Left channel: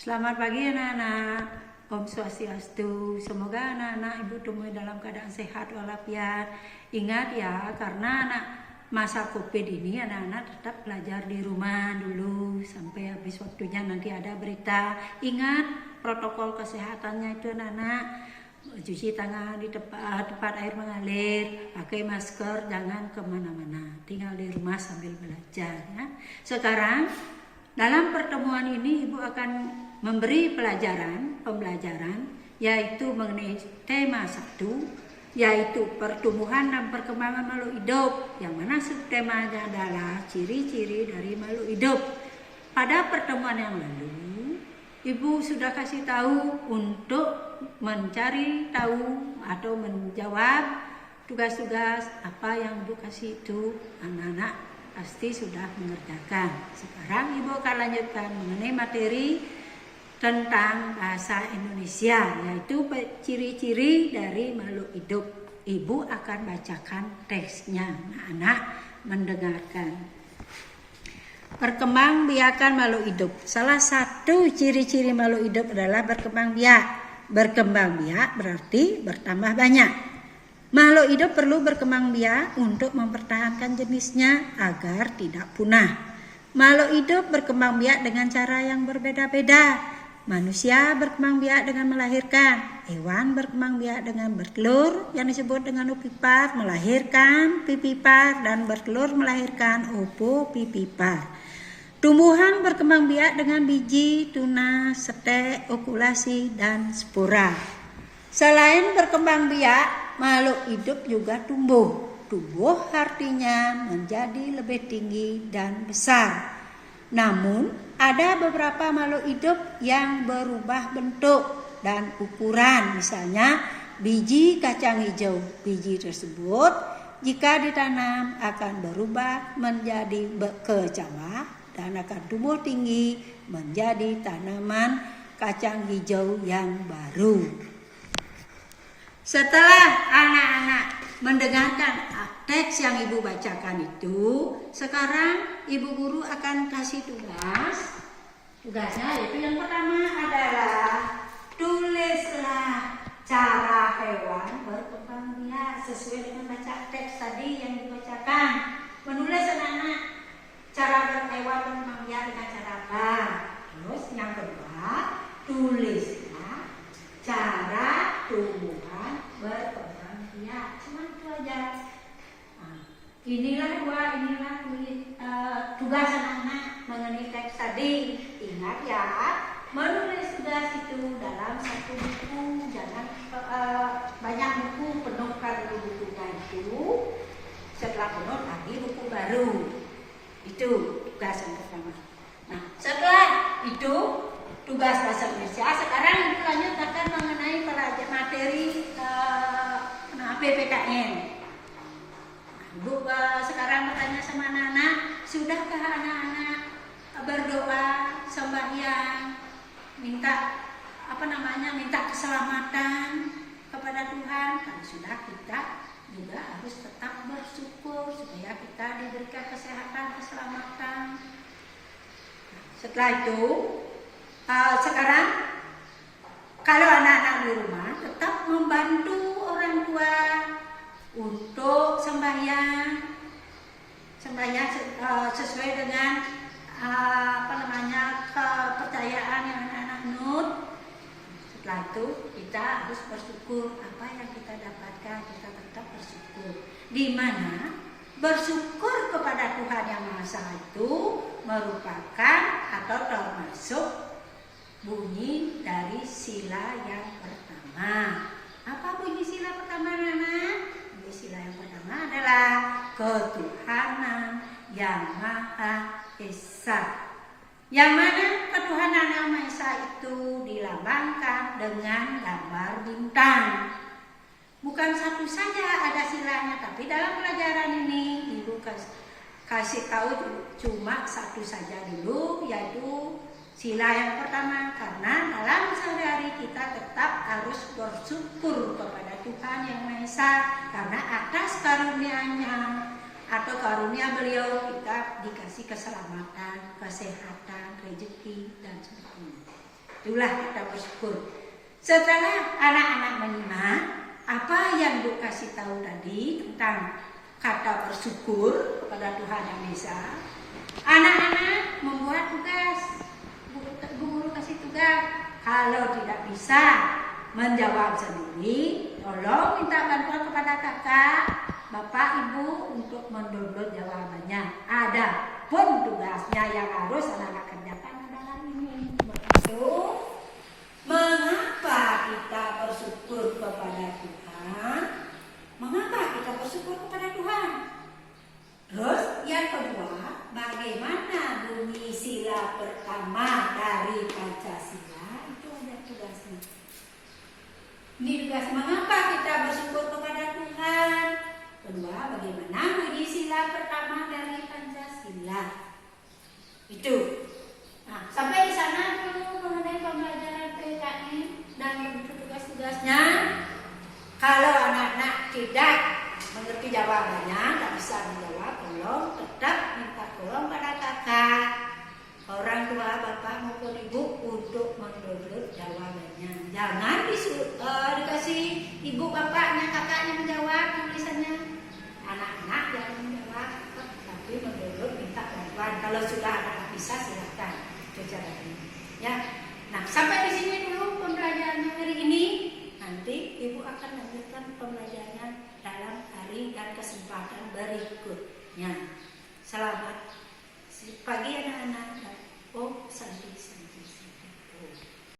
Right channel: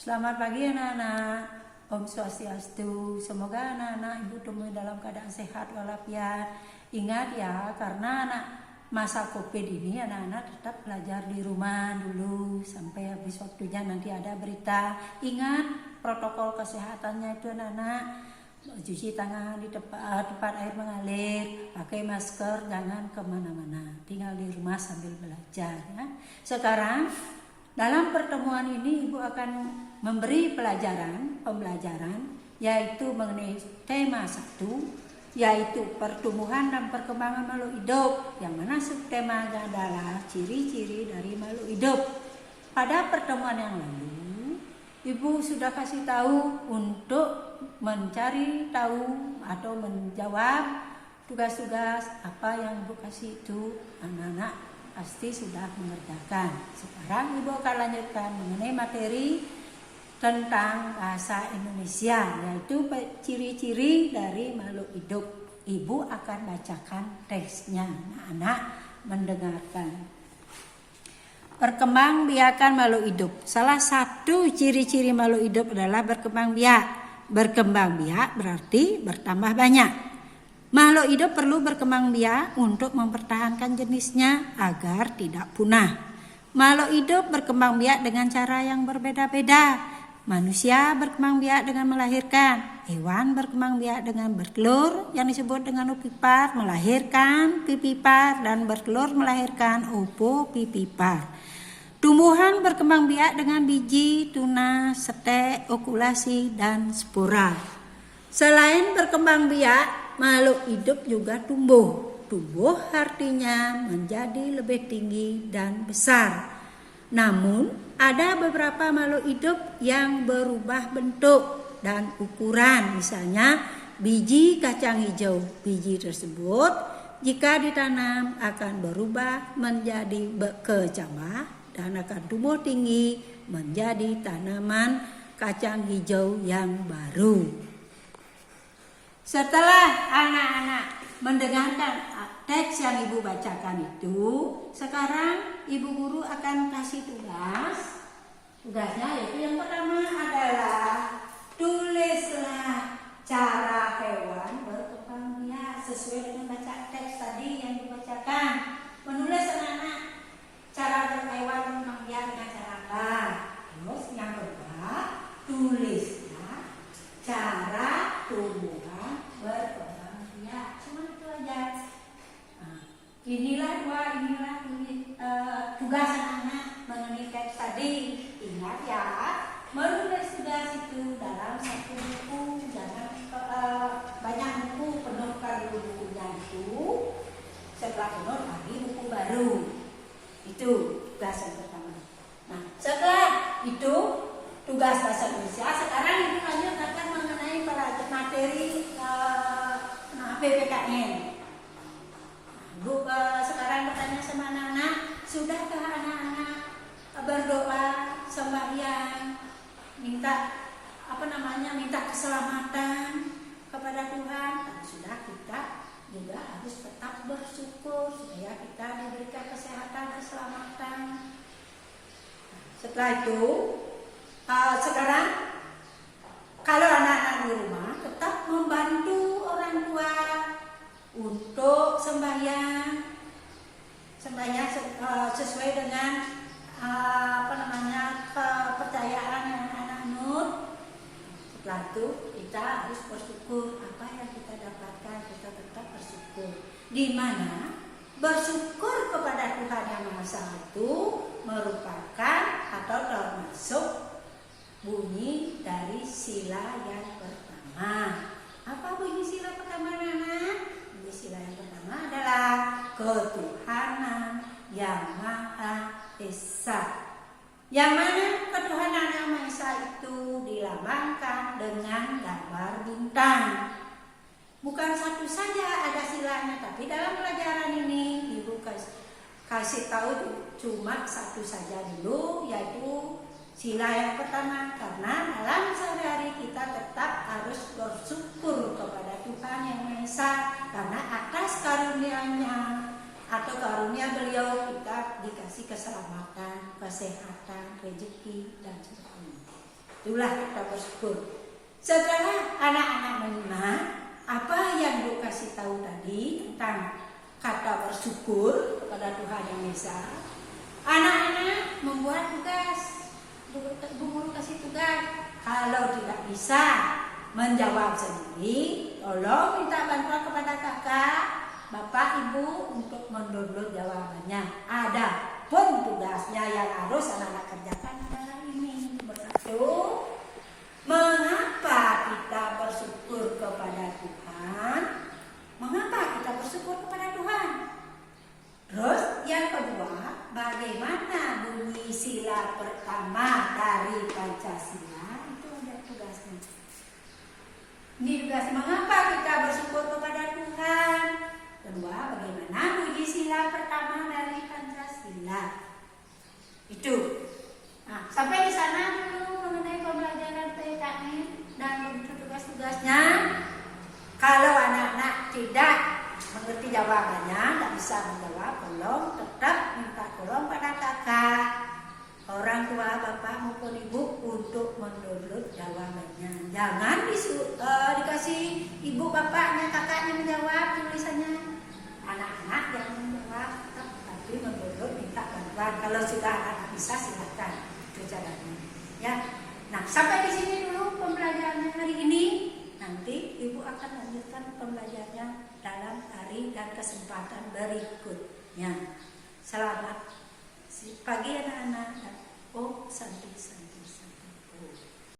Selamat pagi anak-anak. Om Swastiastu. Semoga anak-anak ibu temui dalam keadaan sehat walafiat. Ingat ya, karena masa COVID ini anak-anak tetap belajar di rumah dulu sampai habis waktunya, nanti ada berita. Ingat protokol kesehatannya itu anak-anak. Cuci tangan di tempat air mengalir, pakai masker, jangan kemana-mana, tinggal di rumah sambil belajar ya. Sekarang dalam pertemuan ini ibu akan memberi pembelajaran yaitu mengenai tema 1, yaitu pertumbuhan dan perkembangan makhluk hidup, yang mana subtemanya adalah ciri-ciri dari makhluk hidup. Pada pertemuan yang lalu ibu sudah kasih tahu untuk mencari tahu atau menjawab tugas-tugas apa yang ibu kasih itu. Anak-anak pasti sudah mengerjakan. Sekarang ibu akan lanjutkan mengenai materi tentang bahasa Indonesia, yaitu ciri-ciri dari makhluk hidup. Ibu akan bacakan teksnya, anak-anak mendengarkan. Perkembangbiakan makhluk hidup. Salah satu ciri-ciri makhluk hidup adalah berkembang biak. Berkembang biak berarti bertambah banyak. Makhluk hidup perlu berkembang biak untuk mempertahankan jenisnya agar tidak punah. Makhluk hidup berkembang biak dengan cara yang berbeda-beda. Manusia berkembang biak dengan melahirkan. Hewan berkembang biak dengan bertelur yang disebut dengan opipar, melahirkan pipipar, dan bertelur melahirkan opopipipar. Tumbuhan berkembang biak dengan biji, tunas, setek, okulasi, dan spora. Selain berkembang biak, makhluk hidup juga tumbuh. Tumbuh artinya menjadi lebih tinggi dan besar. Namun, ada beberapa makhluk hidup yang berubah bentuk dan ukuran. Misalnya, biji kacang hijau. Biji tersebut jika ditanam akan berubah menjadi kecambah dan akan tumbuh tinggi menjadi tanaman kacang hijau yang baru. Setelah anak-anak mendengarkan teks yang ibu bacakan itu, sekarang ibu guru akan kasih tugas. Tugasnya yaitu yang pertama adalah tulislah cara hewan berkembang biak sesuai dengan baca teks tadi yang dibacakan. Menulis anak-anak cara berhewan berkembang biak dengan cara apa? Terus yang kedua, tulislah cara tumbuhan berkembang biak. Cuma itu aja. Inilah tugas anak-anak mengenai teks tadi. Ingat ya, menulis tugas itu dalam satu buku, jangan banyak buku, penuhkan bukunya itu. Setelah penuh lagi buku baru. Itu tugas yang pertama. Nah, setelah itu tugas bahasa Indonesia, sekarang ibu lanjut akan mengenai materi PPKN. Ibu sekarang bertanya sama anak-anak, sudahkah anak-anak berdoa, sembahyang, minta keselamatan kepada Tuhan? Kalau sudah, kita juga harus tetap bersyukur supaya kita diberikan kesehatan, keselamatan. Setelah itu, sekarang kalau anak-anak di rumah tetap membantu orang tua untuk sembahyang sesuai dengan kepercayaan yang anak-anak nut. Setelah itu kita harus bersyukur apa yang kita dapatkan, kita tetap bersyukur. Di mana bersyukur kepada Tuhan Yang Maha Esa itu merupakan atau termasuk bunyi dari sila yang pertama. Apa bunyi sila pertama anak-anak? Sila yang pertama adalah ketuhanan Yang Maha Esa. Yang mana ketuhanan Yang Maha Esa itu dilambangkan dengan gambar bintang. Bukan satu saja ada silanya, tapi dalam pelajaran ini ibu kasih tahu cuma satu saja dulu, yaitu sila yang pertama. Karena dalam sehari-hari kita tetap harus bersyukur kepada Tuhan Yang Maha Esa, karena atas karunia-Nya atau karunia beliau kita dikasih keselamatan, kesehatan, rezeki, dan sebagainya. Itulah kita bersyukur. Setelah anak-anak menyimak apa yang Ibu kasih tahu tadi tentang kata bersyukur kepada Tuhan Yang Esa, anak-anak membuat tugas. Ibu guru kasih tugas. Kalau tidak bisa menjawab sendiri, tolong minta bantuan kepada kakak, bapak, ibu untuk mendownload jawabannya. Ada pun tugasnya yang harus anak-anak kerjakan adalah ini. Begitu. Mengapa kita bersyukur kepada Tuhan? Mengapa kita bersyukur kepada Tuhan? Terus yang kedua, bagaimana bunyi sila pertama dari Pancasila? Itu ada tugasnya. Ini tugas mengapa kita bersyukur kepada Tuhan. Kedua, bagaimana bunyi sila pertama dari Pancasila. Itu. Nah, sampai di sana dulu mengenai pembelajaran PKN dan begitu tugas-tugasnya. Kalau anak-anak tidak mengerti jawabannya, tidak bisa menjawab, tolong tetap minta tolong pada kakak, orang tua, bapak maupun ibu untuk mendownload jawabannya. Jangan dikasih ibu, bapaknya, kakaknya menjawab tulisannya. Anak-anak yang menjawab, tapi mendownload minta bantuan. Kalau sudah anak-anak bisa silahkan. Ya, nah sampai di sini dulu pembelajaran hari ini. Nanti ibu akan lanjutkan pembelajarannya dalam hari dan kesempatan berikutnya. Selamat pagi anak-anak. Om Santi.